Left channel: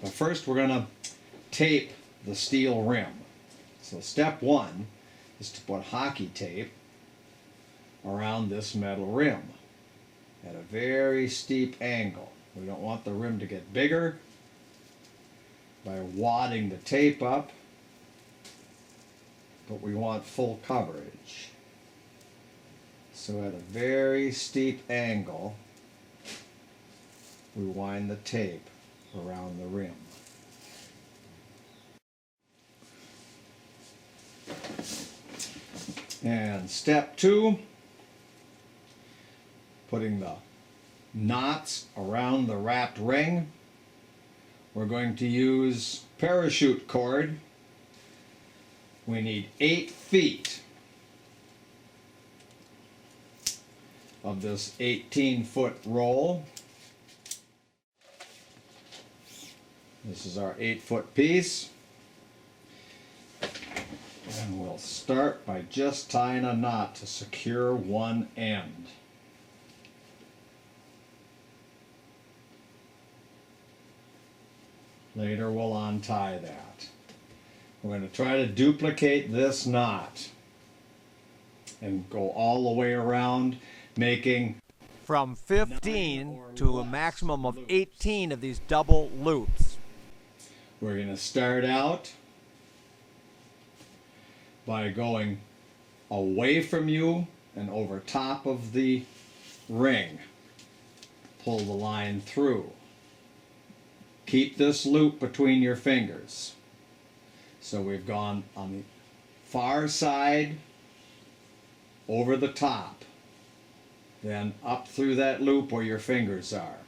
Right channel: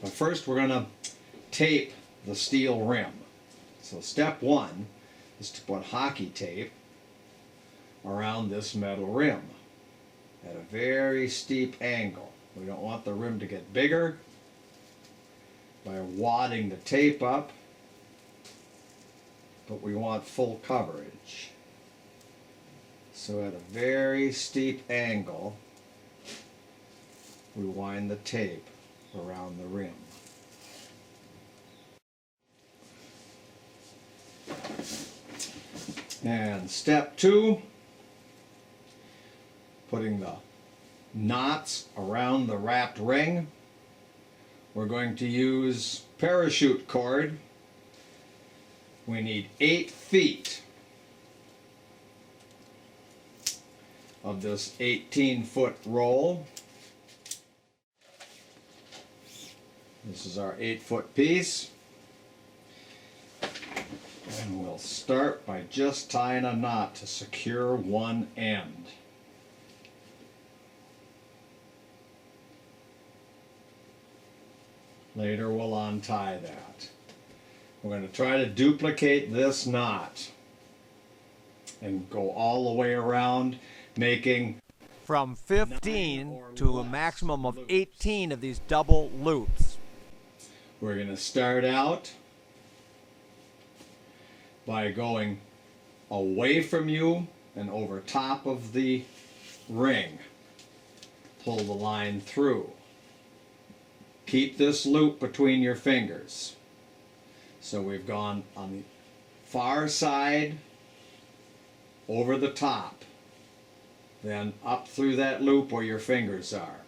But first we're going to tape the steel rim. So step one is to put hockey tape around this metal rim at a very steep angle. We don't want the rim to get bigger by wadding the tape up, but we want full coverage. So at a very steep angle, we wind the tape around the rim. And step two, putting the knots around the wrapped ring. We're going to use parachute cord. We need 8 feet of this 18-foot roll. This is our 8-foot piece. And we'll start by just tying a knot to secure one end. Later we'll untie that. We're going to try to duplicate this knot and go all the way around, making from 15 to a maximum of 18 of these double loops. We're going to start out by going away from you and over top of the ring. Pull the line through. Keep this loop between your fingers. So we've gone on the far side, over the top, then up through that loop where your fingers are.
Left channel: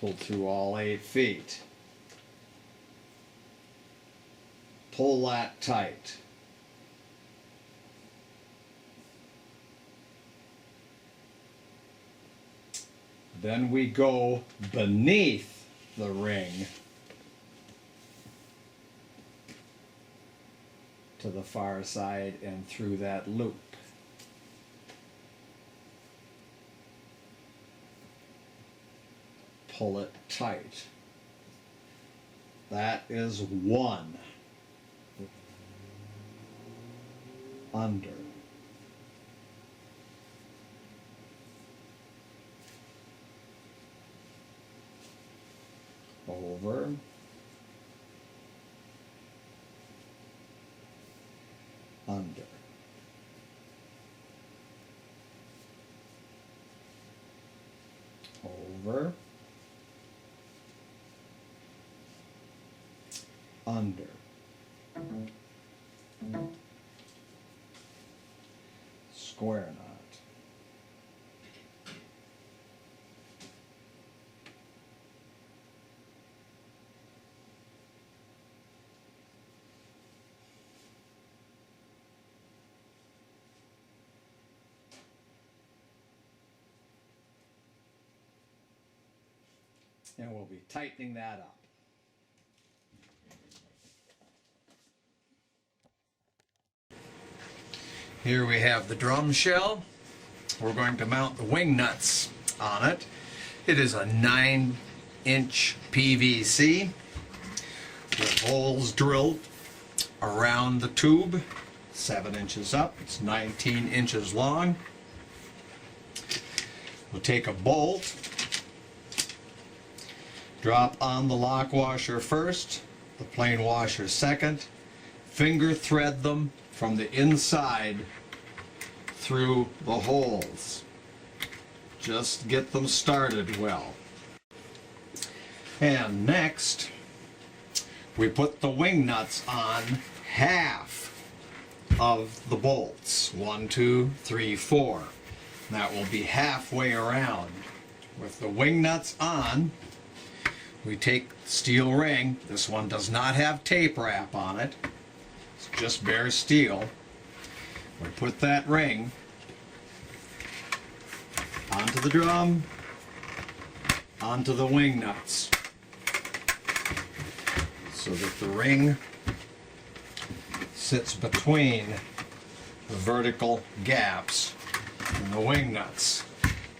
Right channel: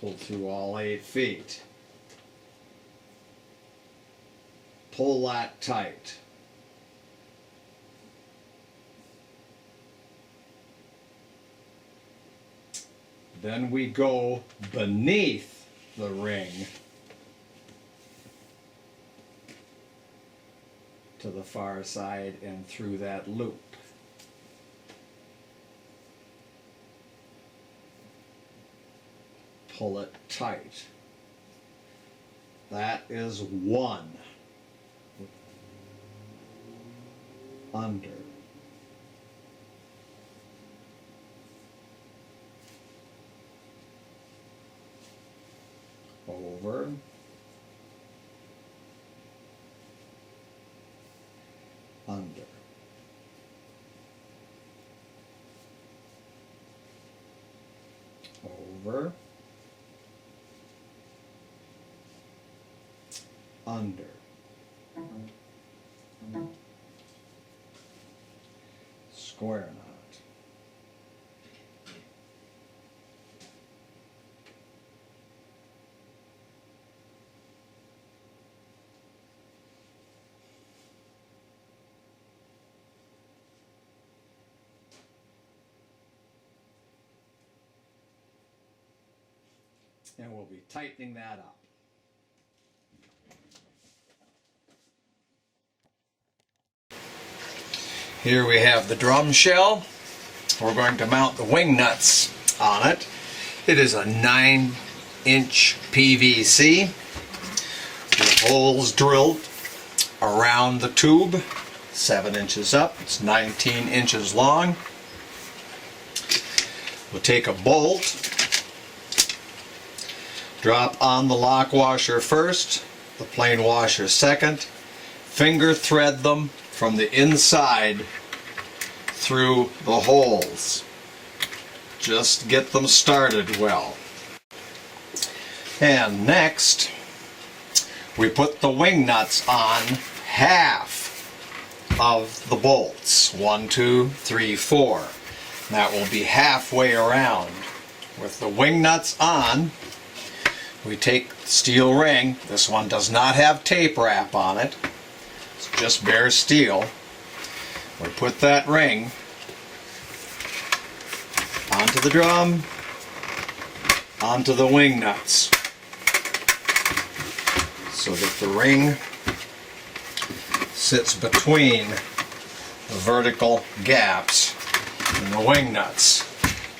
Pull through all 8 feet. Pull that tight. Then we go beneath the ring to the far side and through that loop. Pull it tight. That is 1. Under. Over. Under. Over. Under. Square knot. And we'll be tightening that up. Here we have the drum shell. We're going to mount the wing nuts on it. It is a 9-inch PVC with holes drilled around the tube, 7 inches up. It's 19 inches long. We'll take a bolt, drop on the lock washer first, the plain washer second, finger thread them from the inside through the holes. Just get them started well. And next, we put the wing nuts on half of the bolts. 1, 2, 3, 4. That will be halfway around. With the wing nuts on, we take the steel ring. This one does not have tape wrap on it. It's just bare steel. We put that ring onto the drum, onto the wing nuts, so that the ring sits between the vertical gaps in the wing nuts.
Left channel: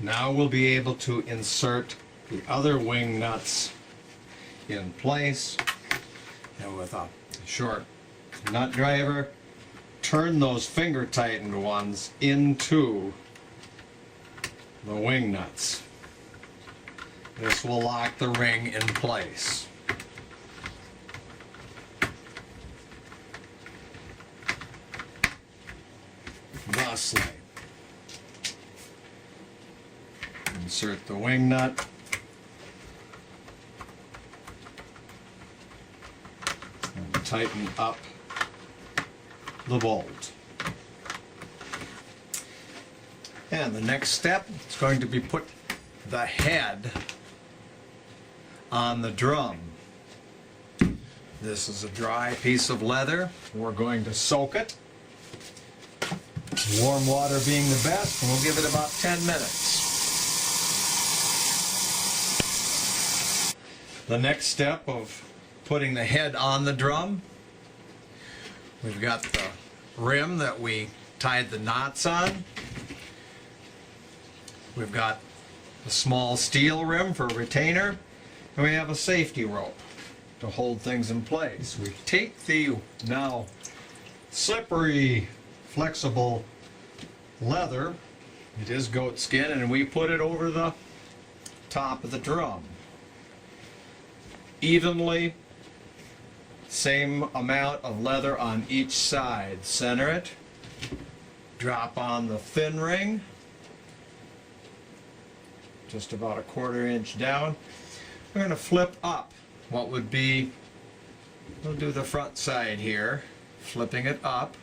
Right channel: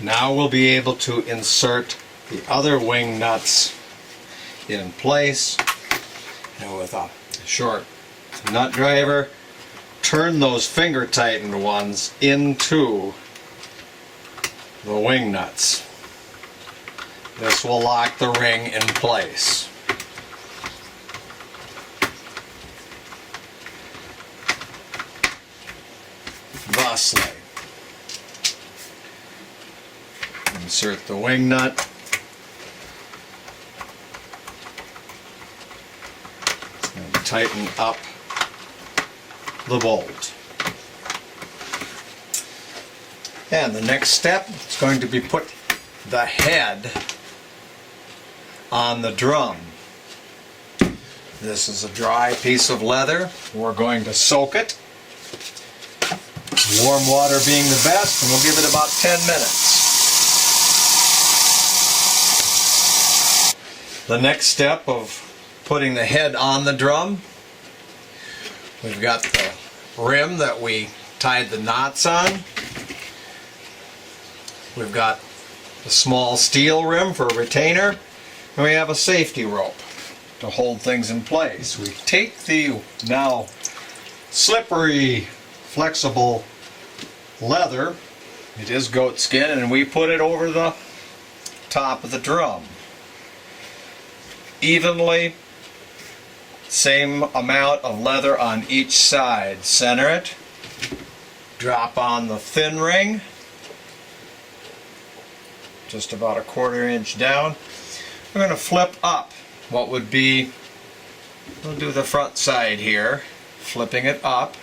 Now we'll be able to insert the other wing nuts in place, and with a short nut driver, turn those finger tightened ones into the wing nuts. This will lock the ring in place. Thusly, insert the wing nut, and tighten up the bolt. And the next step is going to be put the head on the drum. This is a dry piece of leather. We're going to soak it. Warm water being the best, and we'll give it about 10 minutes. The next step of putting the head on the drum, we've got the rim that we tied the knots on. We've got the small steel rim for a retainer, and we have a safety rope to hold things in place. We take the now slippery, flexible leather, it is goat skin, and we put it over the top of the drum. Evenly, same amount of leather on each side. Center it, drop on the thin ring, just about a 1/4 inch down. We're going to flip up what would be, we'll do the front side here, flipping it up,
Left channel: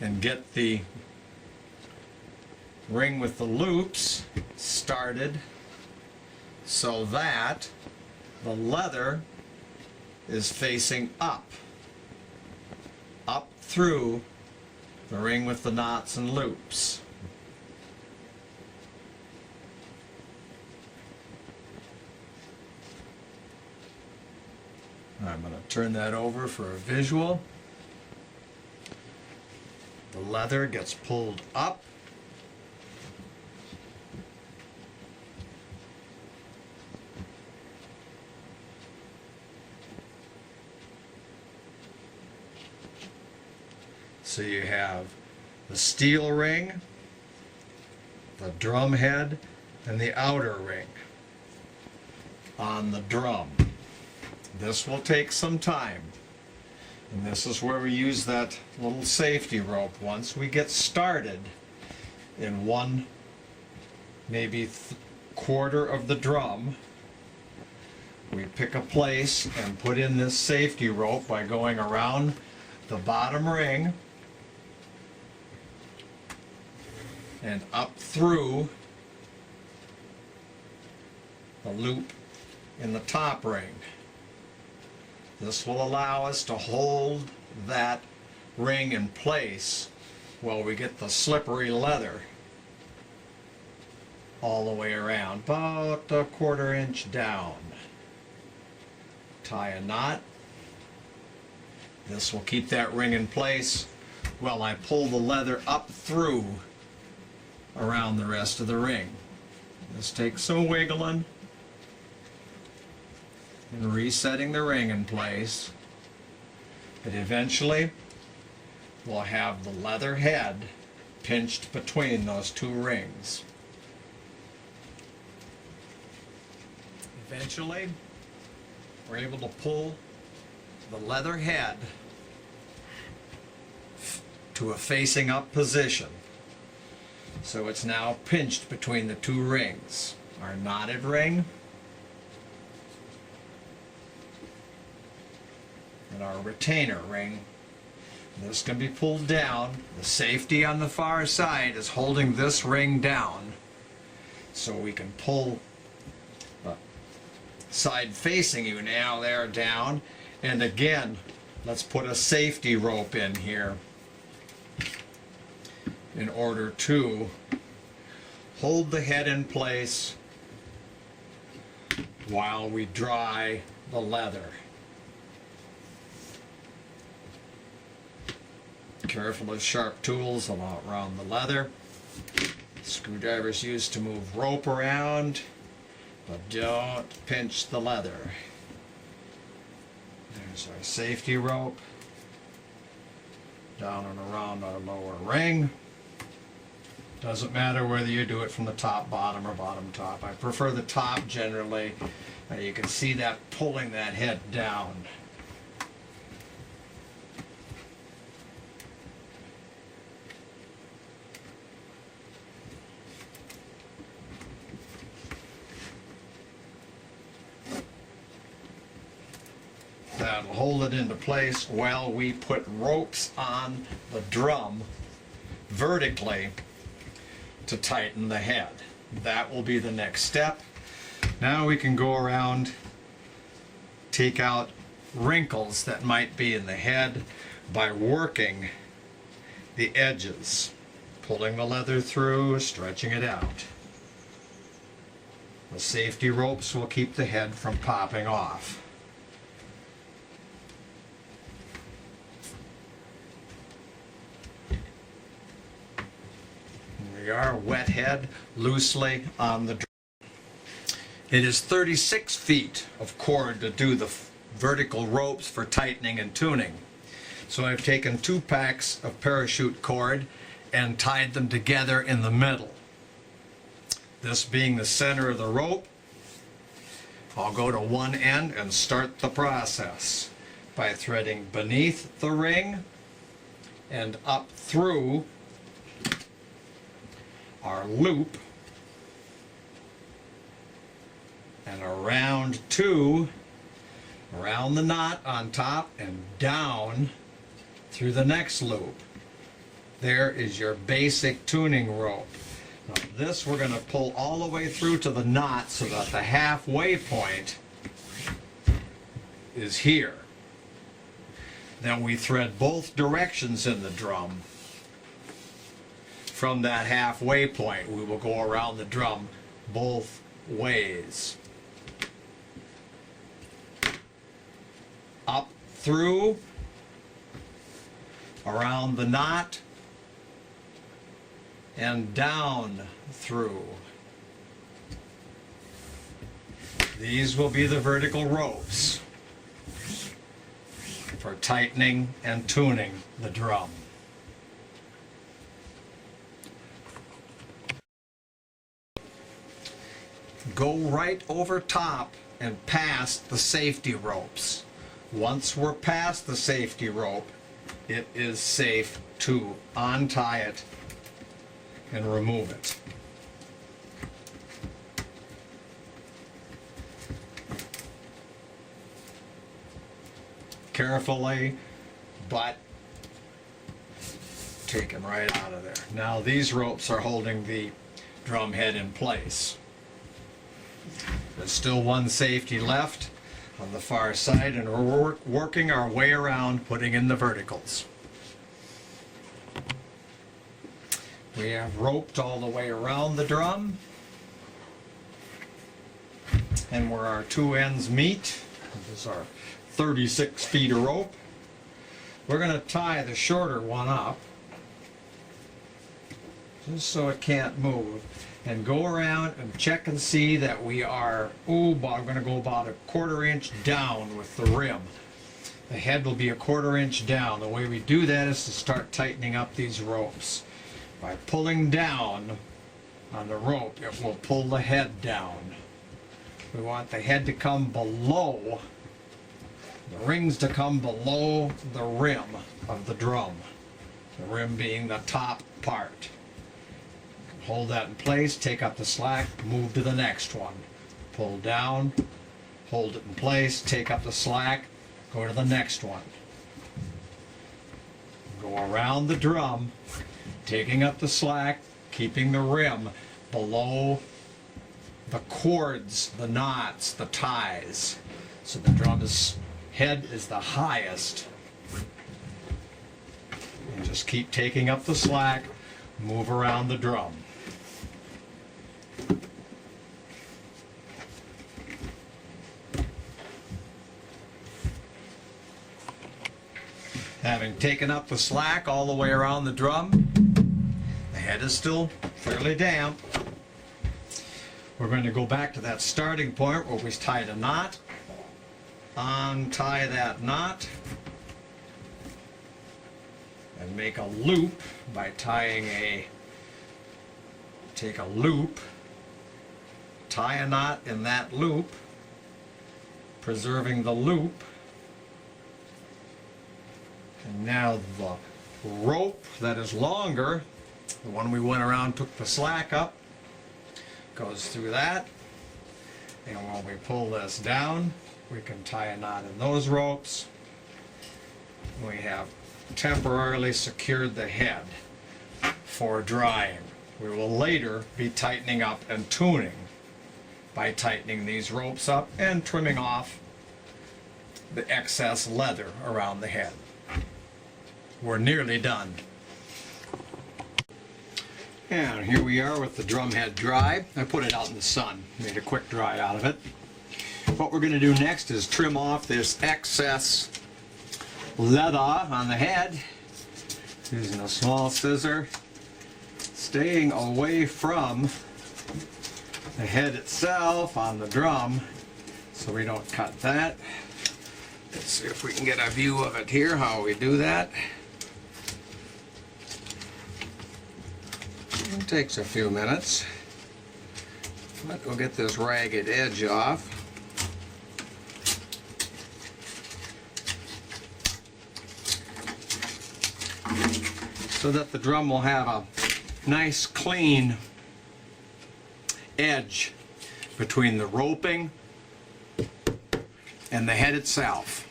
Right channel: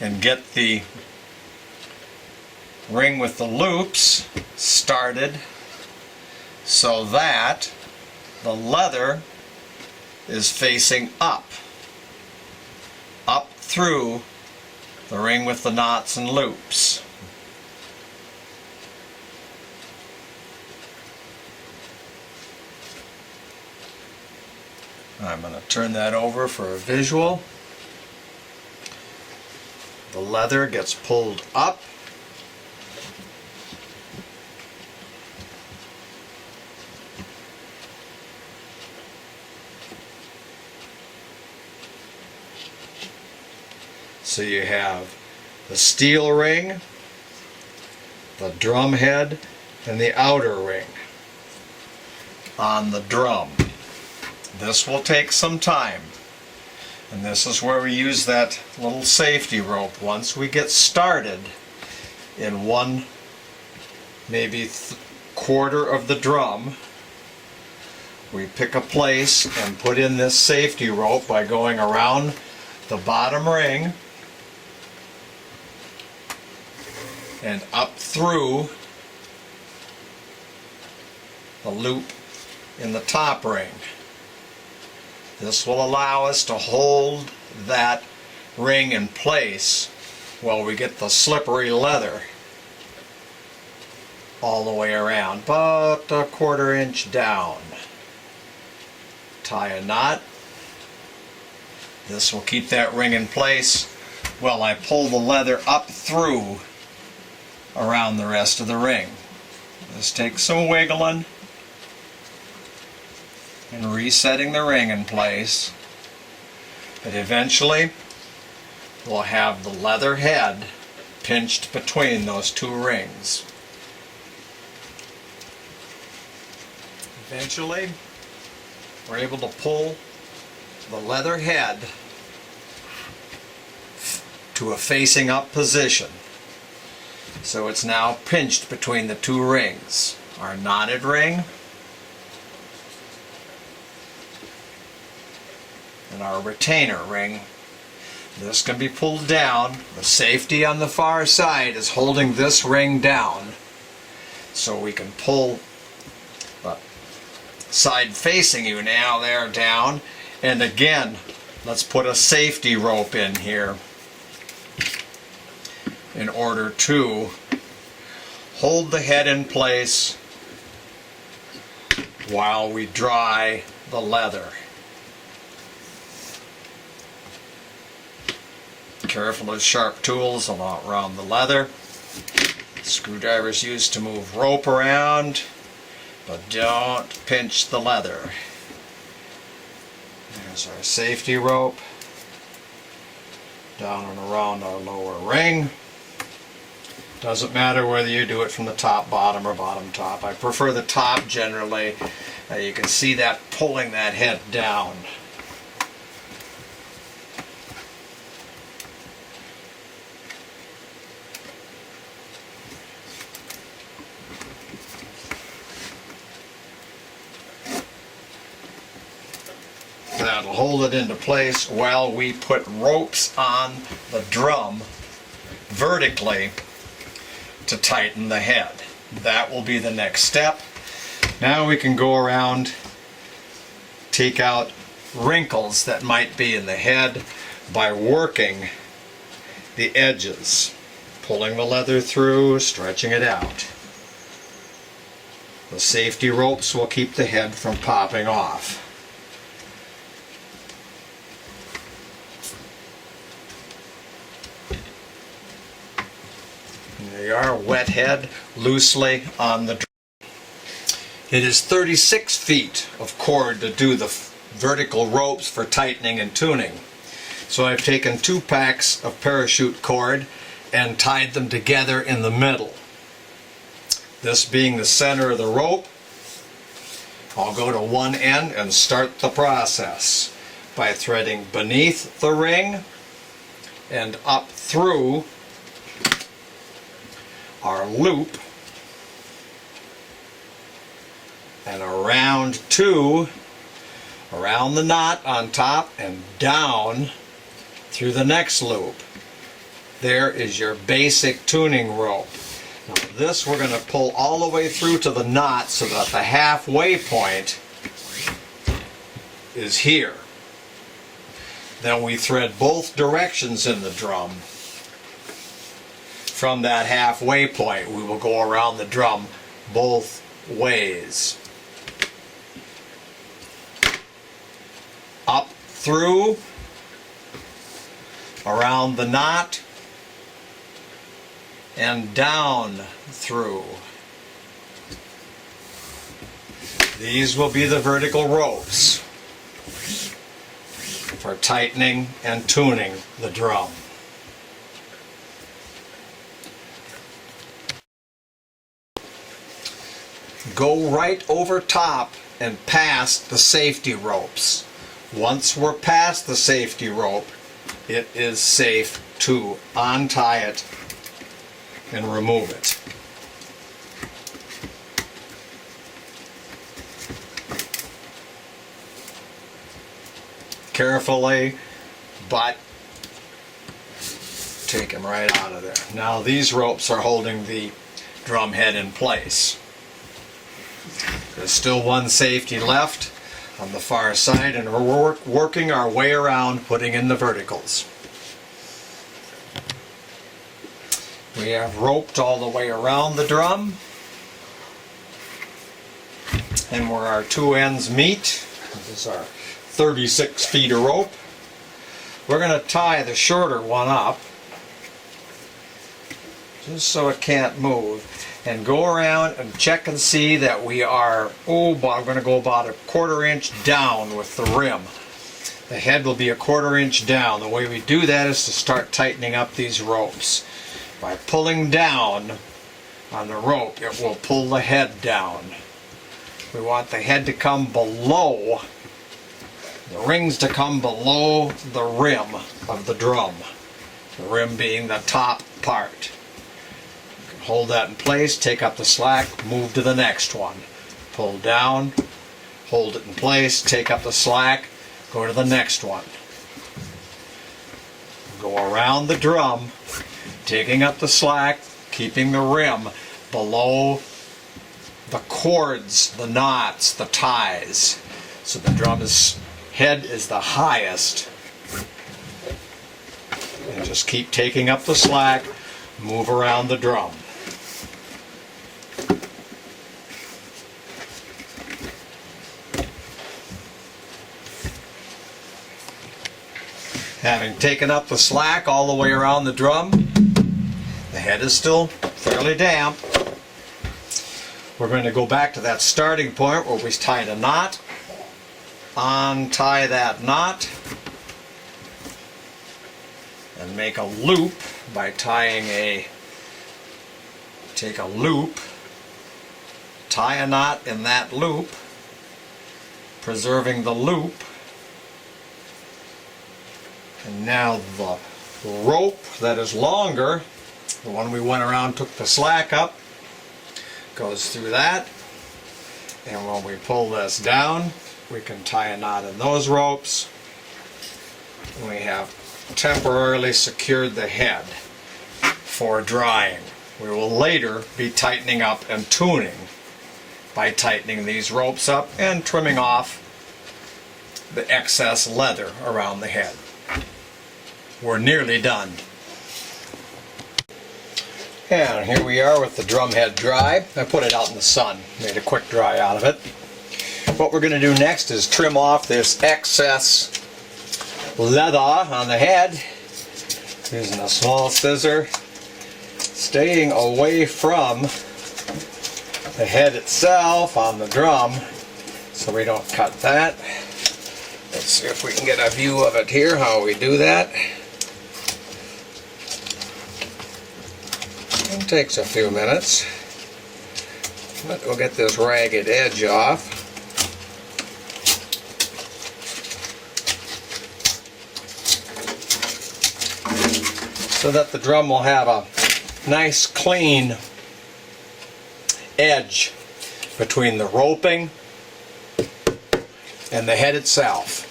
and get the ring with the loops started so that the leather is facing up through the ring with the knots and loops. I'm going to turn that over for a visual. The leather gets pulled up. So you have the steel ring, the drum head, and the outer ring on the drum. This will take some time. And this is where we use that little safety rope. Once we get started in one, maybe 1/4 of the drum, we pick a place and put in this safety rope by going around the bottom ring and up through the loop in the top ring. This will allow us to hold that ring in place while we get the slippery leather all the way around, about a 1/4 inch down. Tie a knot. This will keep that ring in place while I pull the leather up through around the rest of the ring. This takes some wiggling and resetting the ring in place, but eventually we'll have the leather head pinched between those two rings. Eventually we're able to pull the leather head to a facing up position, so it's now pinched between the two rings, our knotted ring and our retainer ring. This can be pulled down. The safety on the far side is holding this ring down, so we can pull the side facing you now there down. And again, let's put a safety rope in here in order to hold the head in place while we dry the leather. Careful of sharp tools around the leather. Screwdrivers used to move rope around. but don't pinch the leather. There's our safety rope. Down and around our lower ring. Doesn't matter whether you do it from the top, bottom, or bottom top. I prefer the top generally. You can see that pulling that head down. That'll hold it into place while we put ropes on the drum vertically to tighten the head. That will be the next step. Now we can go around, take out wrinkles that might be in the head by working the edges, pulling the leather through, stretching it out. The safety ropes will keep the head from popping off. There you are, wet head loosely on the drum. It is 36 feet of cord to do the vertical ropes for tightening and tuning. So I've taken 2 packs of parachute cord and tied them together in the middle. This being the center of the rope, I'll go to one end and start the process by threading beneath the ring and up through our loop and around the knot on top and down through the next loop. There is your basic tuning rope. Now this we're going to pull all the way through to the knot so that the halfway point is here. Then we thread both directions in the drum. From that halfway point, we will go around the drum both ways. Up through, around the knot, and down through. These will be the vertical ropes for tightening and tuning the drum. Go right over top and past the safety ropes. Once we're past the safety rope, it is safe to untie it and remove it. Carefully, but take them right out of there. Now these ropes are holding the drum head in place. There's still one safety left on the far side, and we're working our way around putting in the verticals. We have roped all the way around the drum, and where our 2 ends meet, this is our 36 feet of rope. We're going to tie the shorter one up just so it can't move, and go around and check and see that we are, I'm going to go about a 1/4 inch down with the rim. The head will be a 1/4 inch down. The way we do that is to start tightening up these ropes. By pulling down on the rope, it will pull the head down. We want the head to come below, the rings to come below the rim of the drum. The rim being the top part. Hold that in place, take up the slack, move to the next one. Pull down, hold it in place, take up the slack, go to the next one. Go around the drum, taking up the slack, keeping the rim below the cords, the knots, the ties. So the drum's head is the highest. And just keep taking up the slack, move around the drum. Having taken up the slack all the way around the drum, the head is still fairly damp. we're going to go back to that starting point where we tied a knot, untie that knot, and make a loop by take a loop, tie a knot in that loop, preserving the loop, and now the rope that is longer, the one we went around, took the slack up, goes through that, and when we pull this down, we can tie a knot in those ropes. We have temporarily secured the head for drying. We will later be tightening up and tuning by tightening these ropes up and trimming off the excess leather around the head. We're nearly done. And here we are with the drum head dry. I put it out in the sun, made a quick dry out of it. What we're going to do next is trim off this excess leather on the head using a small scissor, staying away from the head itself on the drum so we don't cut that. Let's see if we can get a view of it here, how we do that. It takes a few minutes, but we'll get this ragged edge off. So that the drum will have a nice clean edge between the roping and the head itself.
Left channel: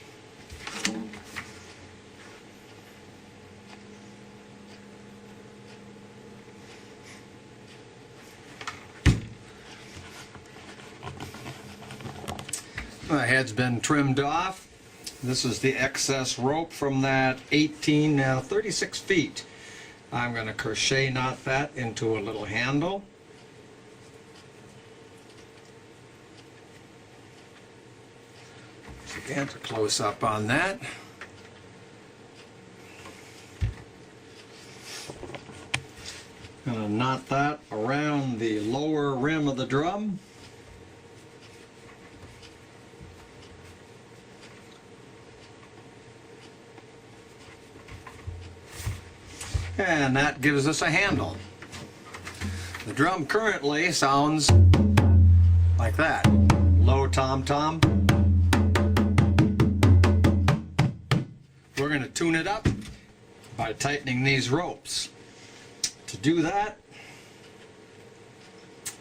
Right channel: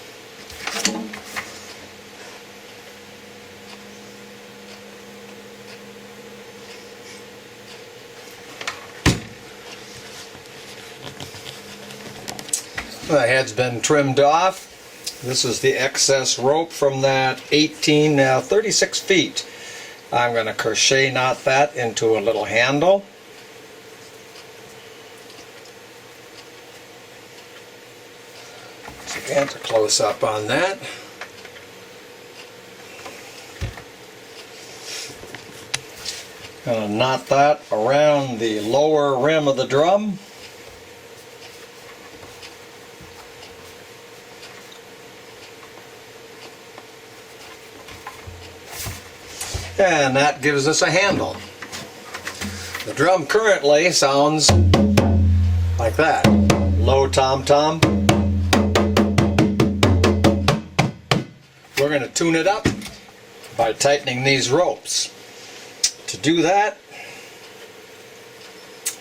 The head's been trimmed off. This is the excess rope from that 36 feet. I'm going to crochet knot that into a little handle. So again, a close up on that. Going to knot that around the lower rim of the drum. And that gives us a handle. The drum currently sounds like that. Low tom-tom. We're going to tune it up by tightening these ropes. To do that,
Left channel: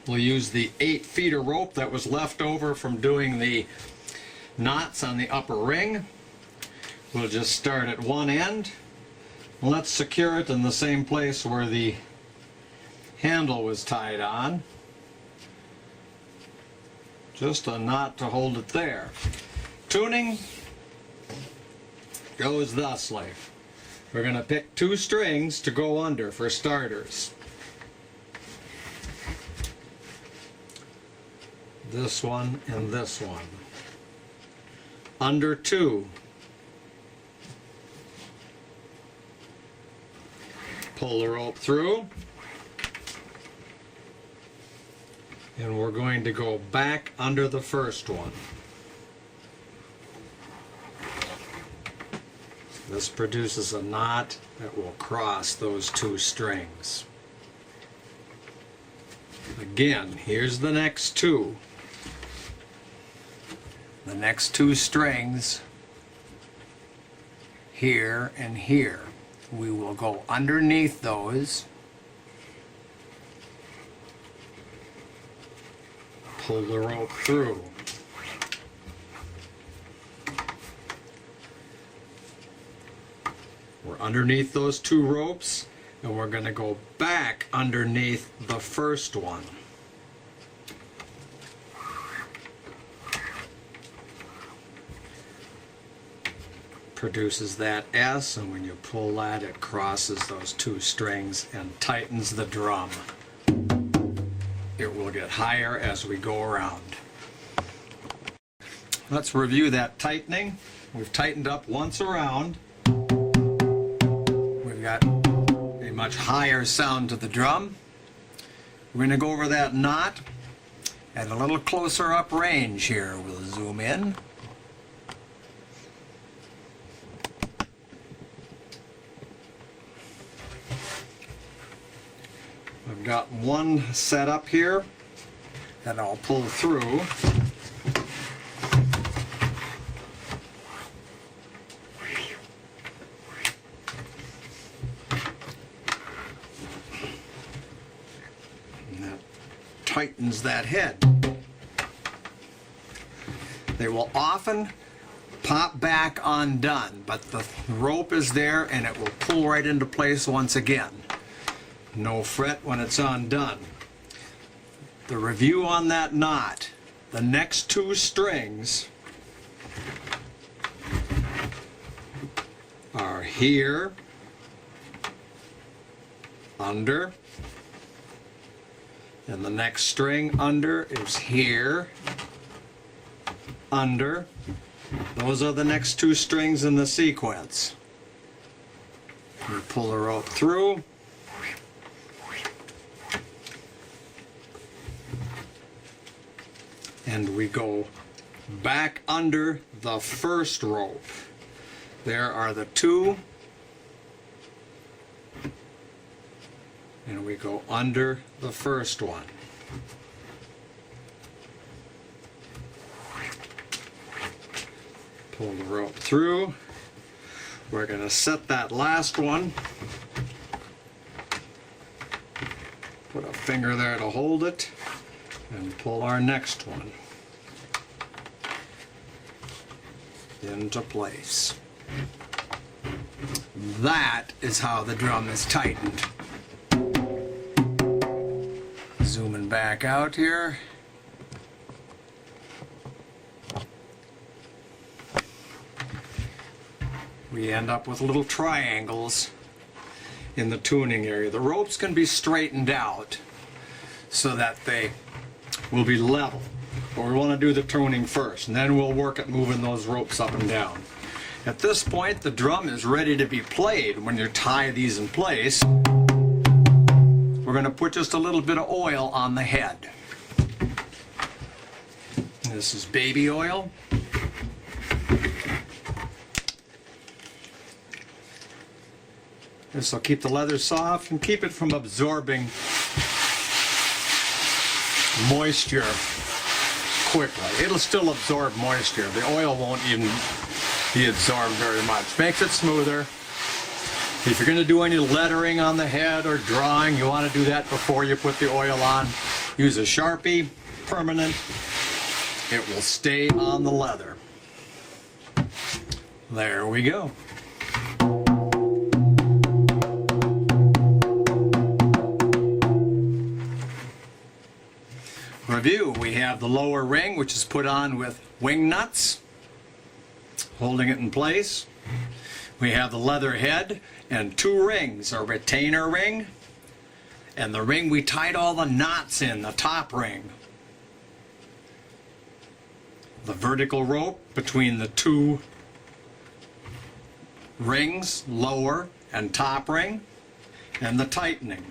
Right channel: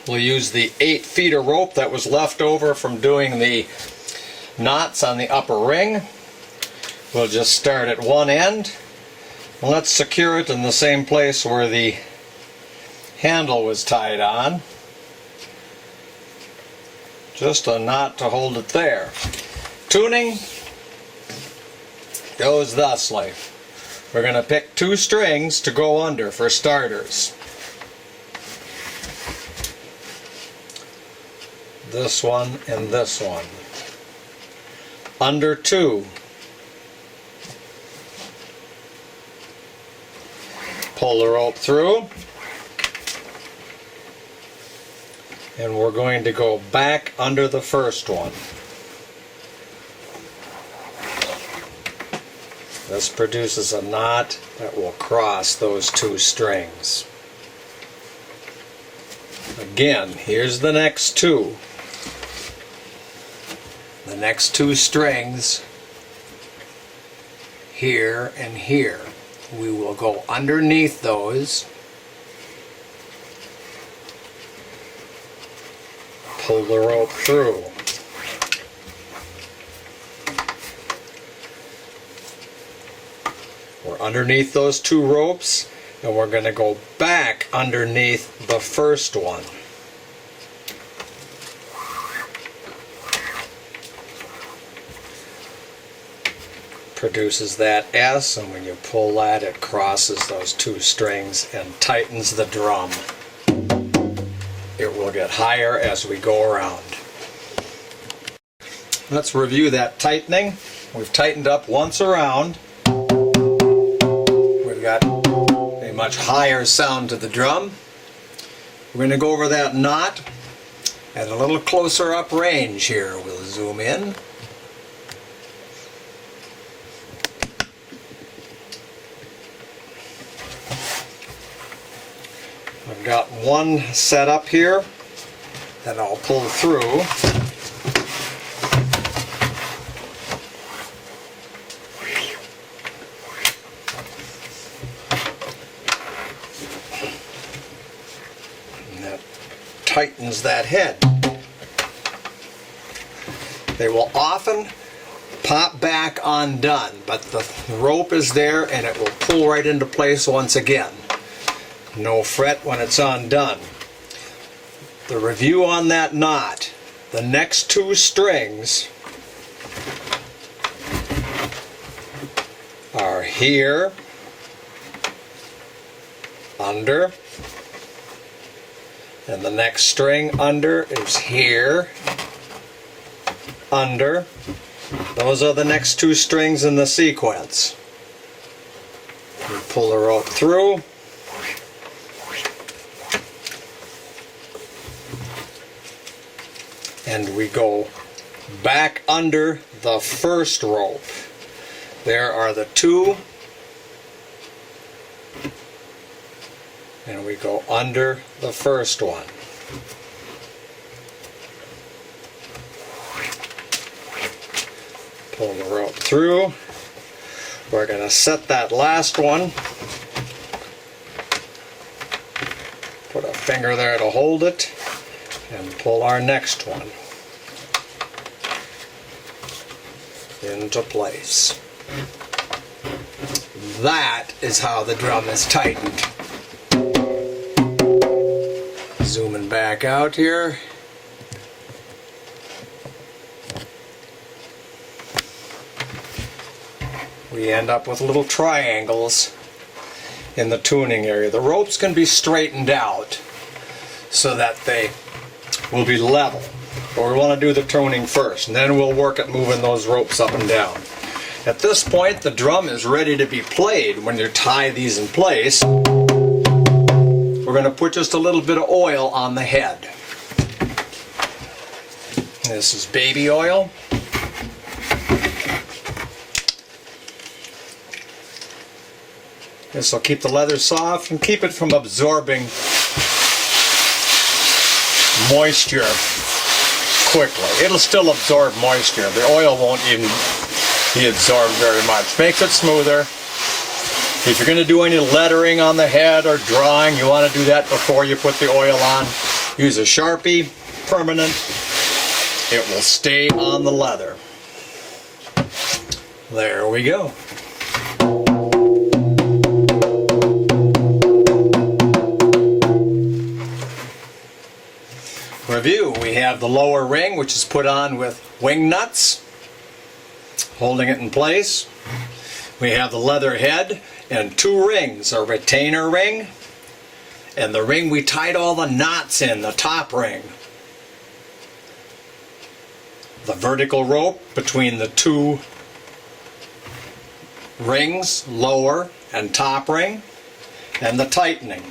we'll use the 8 feet of rope that was left over from doing the knots on the upper ring. We'll just start at one end. Let's secure it in the same place where the handle was tied on. Just a knot to hold it there. Tuning goes thusly. We're going to pick 2 strings to go under for starters. This one and this one. Under 2. Pull the rope through, and we're going to go back under the first one. This produces a knot that will cross those 2 strings. Again, here's the next 2. The next 2 strings here and here. We will go underneath those, pull the rope through. We're underneath those 2 ropes, and we're going to go back underneath the first one. Produces that S, and when you pull that, it crosses those 2 strings and tightens the drum. It will get higher as we go around. Let's review that tightening. We've tightened up once around. We've got much higher sound to the drum. We're going to go over that knot At a little closer up range here, we'll zoom in. I've got one set up here that I'll pull through. And that tightens that head. They will often pop back undone, but the rope is there and it will pull right into place once again. No fret when it's undone. The review on that knot: the next two strings are here, under, and the next string under is here, under. Those are the next two strings in the sequence. You pull the rope through. And we go back under the first rope. There are the two. And we go under the first one. Pull the rope through. We're going to set that last one. Put a finger there to hold it. And pull our next one into place. That is how the drum is tightened. Zooming back out here. We end up with little triangles in the tuning area. The ropes can be straightened out so that they will be level. But we want to do the tuning first, and then we'll work at moving those ropes up and down. At this point, the drum is ready to be played. When you tie these in place, we're going to put just a little bit of oil on the head. This is baby oil. This will keep the leather soft and keep it from absorbing moisture quickly. It'll still absorb moisture. The oil won't even be absorbed very much. Makes it smoother. If you're going to do any lettering on the head or drawing, you want to do that before you put the oil on. Use a Sharpie, permanent. It will stay on the leather. There we go. Review: we have the lower ring, which is put on with wing nuts, holding it in place. We have the leather head and two rings, a retainer ring and the ring we tied all the knots in, the top ring. The vertical rope between the two rings, lower and top ring, and the tightening.